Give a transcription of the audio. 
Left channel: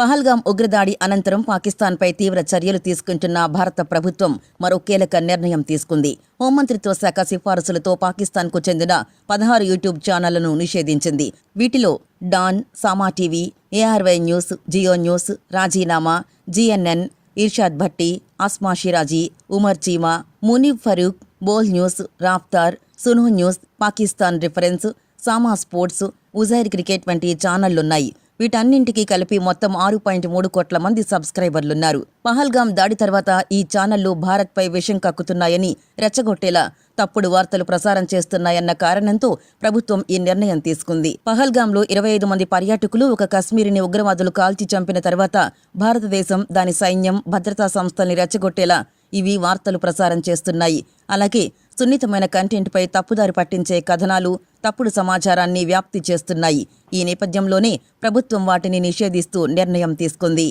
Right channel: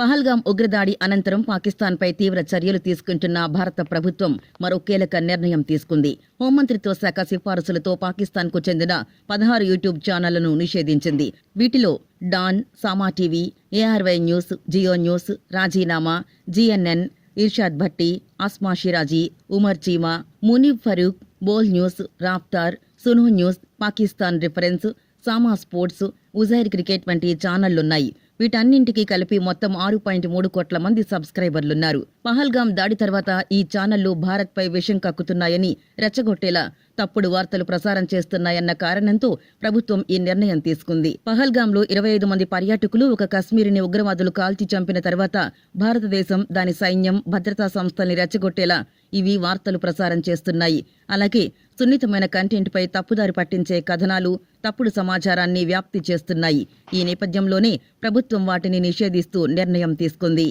పహల్గాం ఉగ్రదాడి అనంతరం పాకిస్తాన్పై తీవ్ర చర్యలు తీసుకుంటున్న భారత ప్రభుత్వం మరో కీలక నిర్ణయం తీసుకుంది. హోంమంత్రిత్వ శాఖ సిఫారసులతో పాకిస్తాన్కు చెందిన పదహారు యూట్యూబ్ ఛానళ్ళను నిషేధించింది. వీటిలో Dawn Samaa TV ARY News Geo News రాజీనామా GNN Irshad Bhatti Asma Shirazi Umar Cheema Muneeb Farooq Bol News Raftaar Suno News Pakistan reference Samaa Sports Uzair Cricket వంటి ఛానళ్ళున్నాయి. వీటన్నింటికీ కలిపి మొత్తం ఆరు పాయింట్ మూడు కోట్ల మంది సబ్స్క్రైబర్లున్నారు. పహల్గాం దాడి తర్వాత ఈ ఛానళ్ళు భారత్పై విషం కక్కుతున్నాయని రెచ్చగొట్టేలా తప్పుడు వార్తలు ప్రసారం చేస్తున్నాయన్న కారణంతో ప్రభుత్వం ఈ నిర్ణయం తీసుకుంది. పహల్గాంలో ఇరవై ఐదు మంది పర్యాటకులు ఒక కశ్మీరిని ఉగ్రవాదులు కాల్చి చంపిన తర్వాత భారతదేశం దాని సైన్యం భద్రతా సంస్థల్ని రెచ్చగొట్టేలా ఇవి వార్తలు ప్రసారం చేస్తున్నాయి. అలాగే సున్నితమైన కంటెంట్పై తప్పుదారి పట్టించే కథనాలు తప్పుడు సమాచారాన్ని వ్యాప్తి చేస్తున్నాయి. ఈ నేపథ్యంలోనే ప్రభుత్వం వాటిని నిషేధిస్తూ నిర్ణయం తీసుకుంది.